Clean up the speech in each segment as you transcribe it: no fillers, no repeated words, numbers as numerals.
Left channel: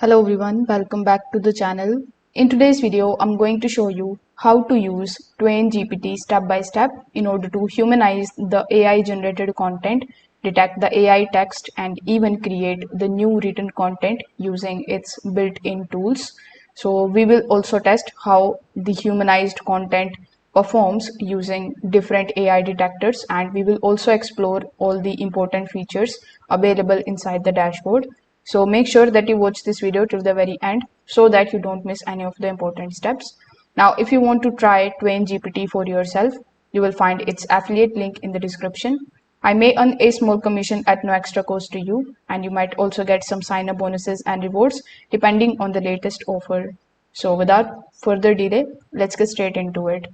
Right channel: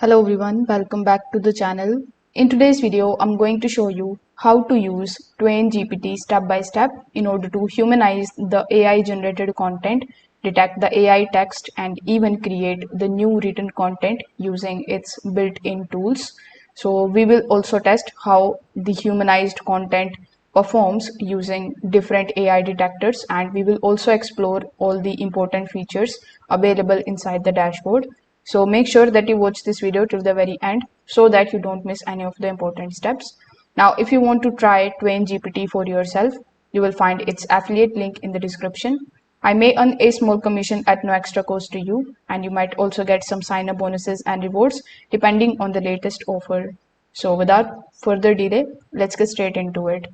Hello everyone, welcome back to the channel. In today's video, I'm going to show you how to use Twaingpt step by step in order to humanize the AI generated content, detect the AI text, and even create the new written content using its built-in tools. So we will also test how the humanized content performs using different AI detectors, and we will also explore all the important features available inside the dashboard. So make sure that you watch this video till the very end so that you don't miss any of the important steps. Now, if you want to try Twaingpt for yourself, you will find its affiliate link in the description. I may earn a small commission at no extra cost to you, and you might also get some sign-up bonuses and rewards depending on the latest offer. So without further delay, let's get straight into it.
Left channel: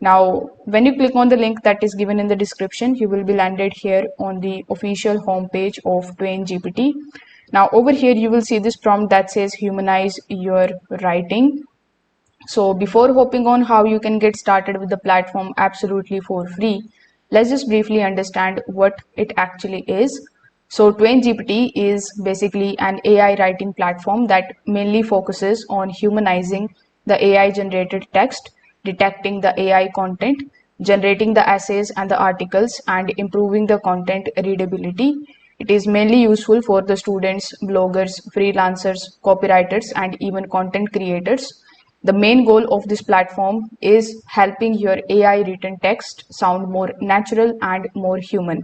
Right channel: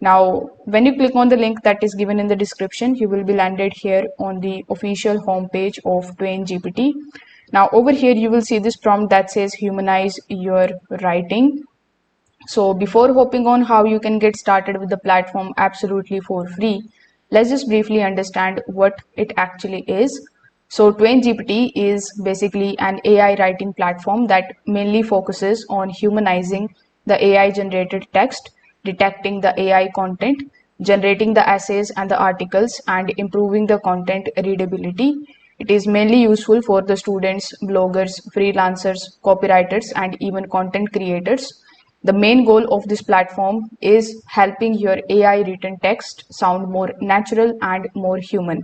Now, when you click on the link that is given in the description, you will be landed here on the official homepage of Twaingpt. Now, over here, you will see this prompt that says humanize your writing. So before hopping on how you can get started with the platform absolutely for free, let's just briefly understand what it actually is. So Twaingpt is basically an AI writing platform that mainly focuses on humanizing the AI generated text, detecting the AI content, generating the essays and the articles, and improving the content readability. It is mainly useful for the students, bloggers, freelancers, copywriters, and even content creators. The main goal of this platform is helping your AI written text sound more natural and more human.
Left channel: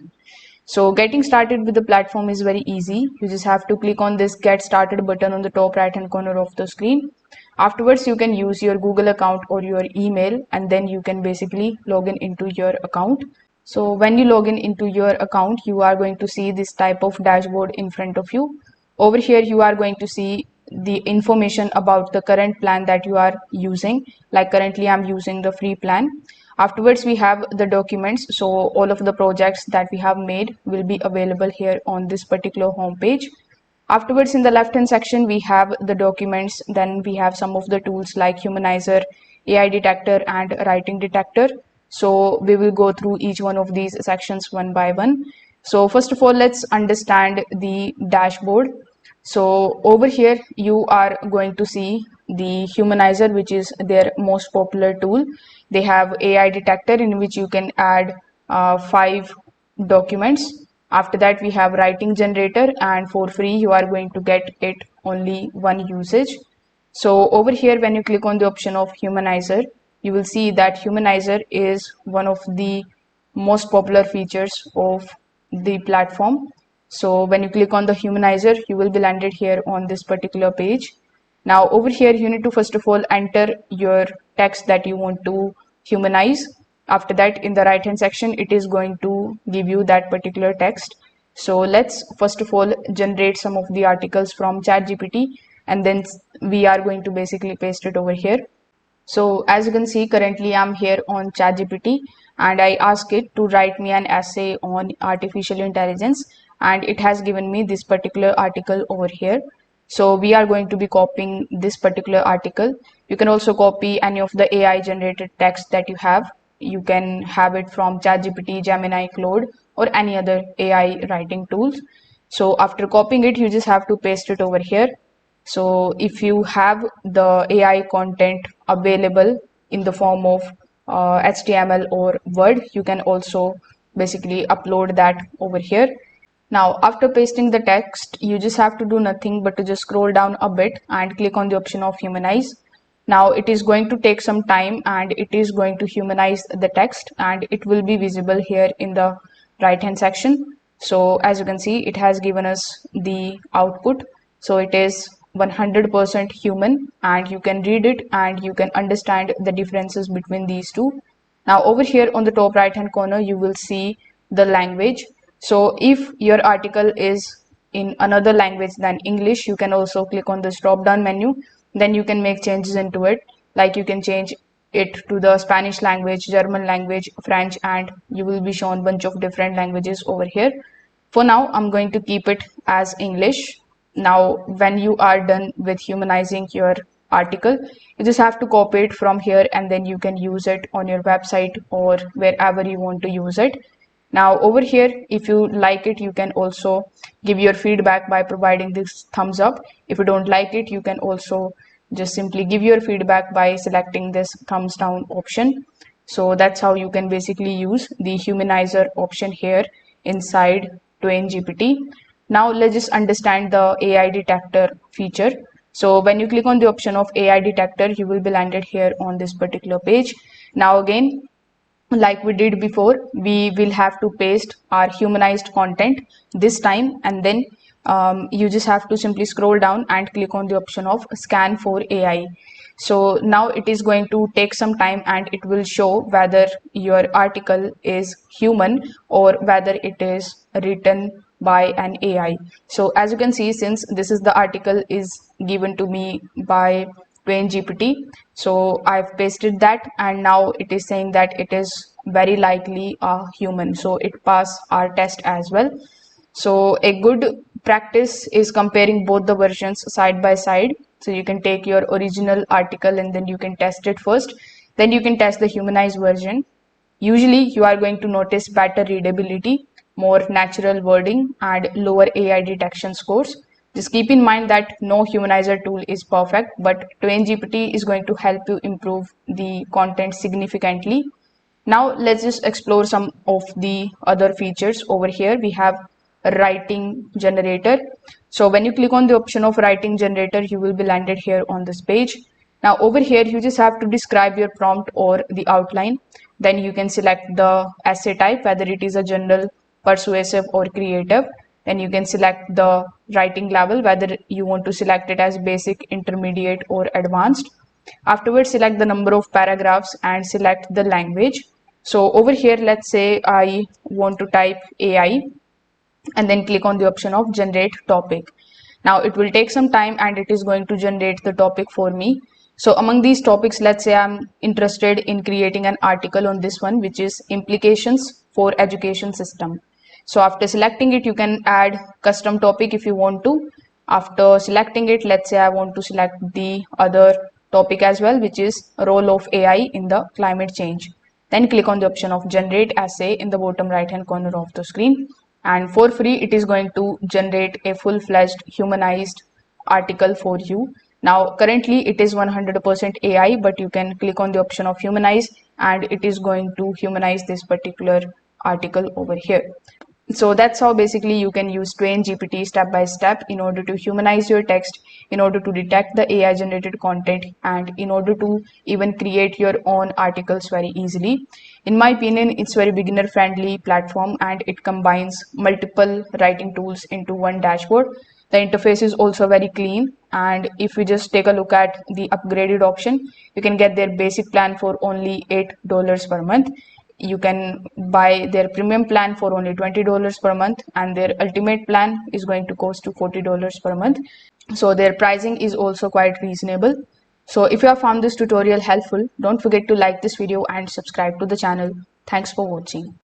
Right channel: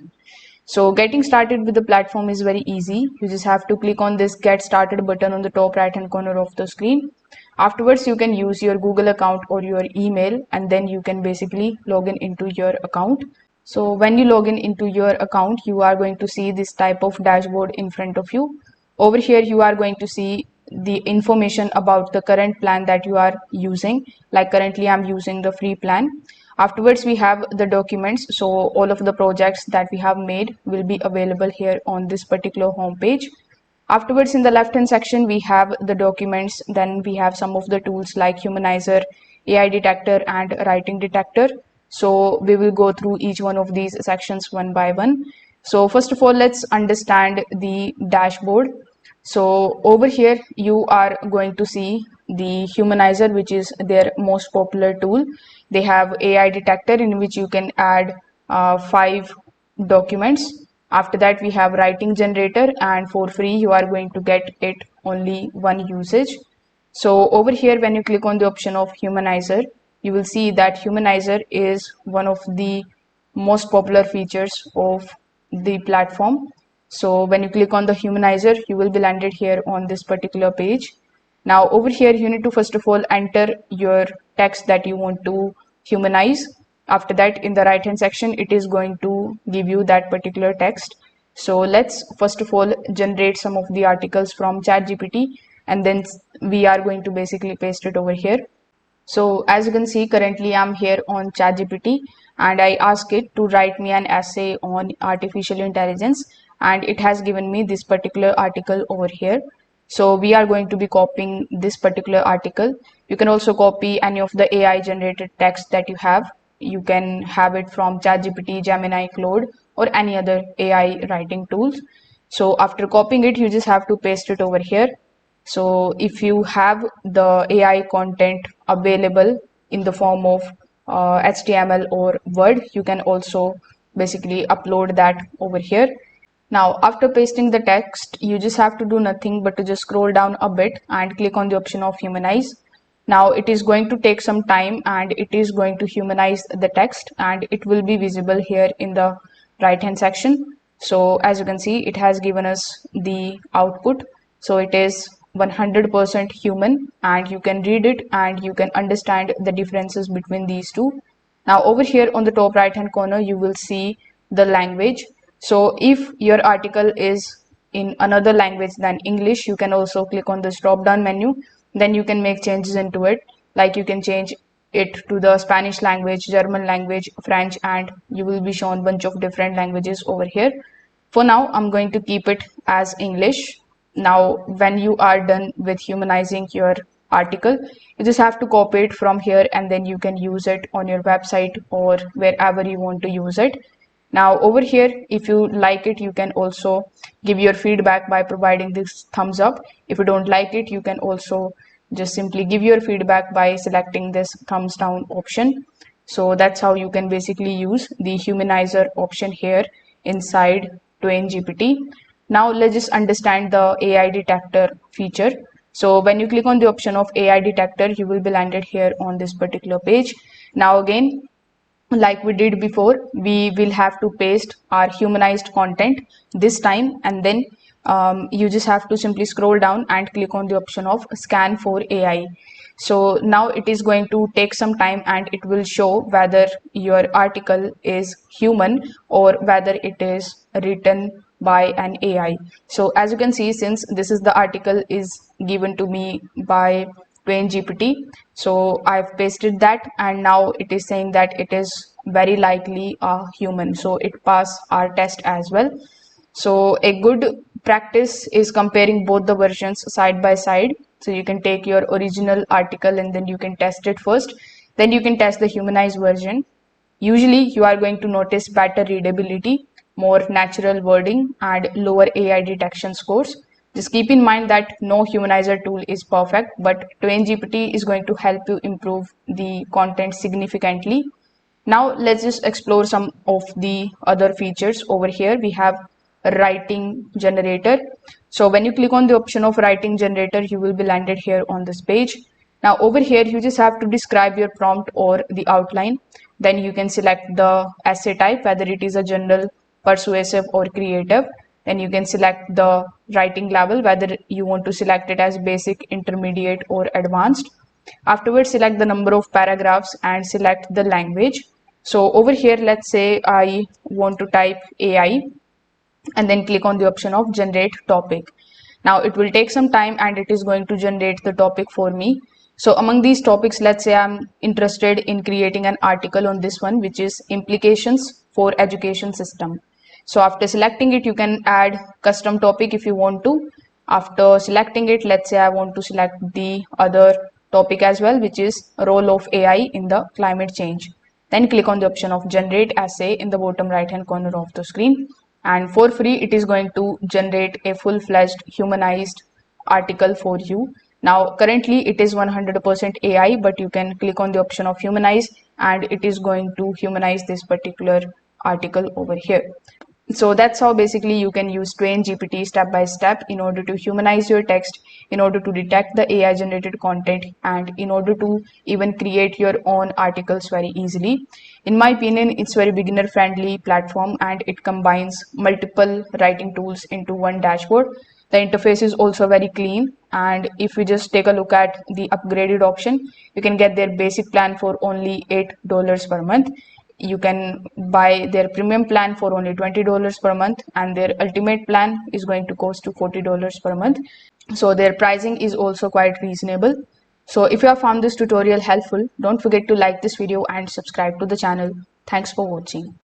So getting started with the platform is very easy. You just have to click on this get started button on the top right hand corner of the screen. Afterwards, you can use your Google account or your email, and then you can basically log in into your account. So when you log in into your account, you are going to see this type of dashboard in front of you. Over here, you are going to see the information about the current plan that you are using. Like currently, I'm using the free plan. Afterwards, we have the documents. So all of the projects that we have made will be available here on this particular homepage. Afterwards, in the left hand section, we have the documents. Then we have some of the tools like Humanizer, AI detector, and writing detector. So we will go through each one of these sections one by one. So first of all, let's understand the dashboard. So over here, you are going to see the Humanizer, which is their most popular tool. They have AI detector in which you can add 5 documents. After that, we have writing generator, and for free, you are going to get it only one usage. So over here, when you click on the option of Humanizer, you will see that Humanizer is one of the most popular features of the platform. So when you click on the Humanizer, you will be landed here on this particular page. Now over here, you need to first of all enter your text that you want to humanize. After that, in the right hand section, it is going to give you that particular text. So let's first of all generate some of the articles from ChatGPT, and then we are going to basically paste it over here. So as you can see, currently I'm here on ChatGPT, and I ask it to write me an essay on artificial intelligence, and it has given me this particular article over here. So we are going to be copying this particular article. You can also copy any of the AI generated text that you have. You can have it from ChatGPT, Gemini, Claude, or any other AI writing tools. So after copying it, you just have to paste it over here. So if you have the AI content available in the form of HTML or Word, you can also basically upload that over here. Now, after pasting the text, you just have to do nothing but to just scroll down a bit and click on the option of humanize. Now, it is going to take some time and it is going to humanize the text, and it will be visible here in the right hand section. So as you can see, it has given us the output. So it is 100% human, and you can read it and you can understand the differences between these two. Now over here on the top right hand corner, you will see the language. So if your article is in another language than English, you can also click on this drop down menu. Then you can make changes into it. Like you can change it to the Spanish language, German language, French, and you will be shown bunch of different languages over here. For now, I'm going to keep it as English. Now, when you are done with humanizing your article, you just have to copy it from here, and then you can use it on your website or wherever you want to use it. Now over here, if you like it, you can also give your feedback by providing this thumbs up, If you don't like it, you can also just simply give your feedback by selecting this thumbs down option. So that's how you can basically use the humanizer option here inside Twaingpt. Now let's just understand the AI detector feature. So when you click on the option of AI detector, you will be landed here on this particular page. Now again, like we did before, we will have to paste our humanized content this time, and then you just have to simply scroll down and click on the option of scan for AI. So now it is going to take some time and it will show whether your article is human or whether it is written by an AI. So as you can see, since this is the article is given to me by Twaingpt, so I've pasted that and now it is saying that it is very likely a human. So it passed our test as well. So a good practice is comparing both the versions side by side. So you can take your original article and then you can test it first. Then you can test the humanized version. Usually you are going to notice better readability, more natural wording, and lower AI detection scores. Just keep in mind that no humanizer tool is perfect, but Twaingpt is going to help you improve the content significantly. Now let's just explore some of the other features. Over here we have a writing generator. So when you click on the option of writing generator, you will be landed here on this page. Now over here you just have to describe your prompt or the outline. Then you can select the essay type, whether it is a general, persuasive or creative. Then you can select the writing level, whether you want to select it as basic, intermediate or advanced. Afterwards, select the number of paragraphs and select the language. So over here, let's say I want to type AI and then click on the option of generate topic. Now it will take some time and it is going to generate the topic for me. So among these topics, let's say I'm interested in creating an article on this one, which is implications for education system. So after selecting it, you can add custom topic if you want to. After selecting it, let's say I want to select the other topic as well, which is role of AI in the climate change. Then click on the option of generate essay in the bottom right hand corner of the screen. And for free, it is going to generate a full-fledged humanized article for you. Now, currently it is 100% AI, but you can click on the option of humanize and it is going to humanize this particular article over here. So that's how basically you can use Twaingpt step by step in order to humanize your text, in order to detect the AI generated content, and in order to even create your own articles very easily. In my opinion, it's very beginner friendly platform and it combines multiple writing tools into one dashboard. The interface is also very clean, and if you just take a look at the upgraded option, you can get their basic plan for only $8 per month. You can buy their premium plan for only $20 per month, and their ultimate plan is going to cost to $40 per month. So their pricing is also quite reasonable. So if you have found this tutorial helpful, don't forget to like this video and subscribe to the channel. Thanks for watching.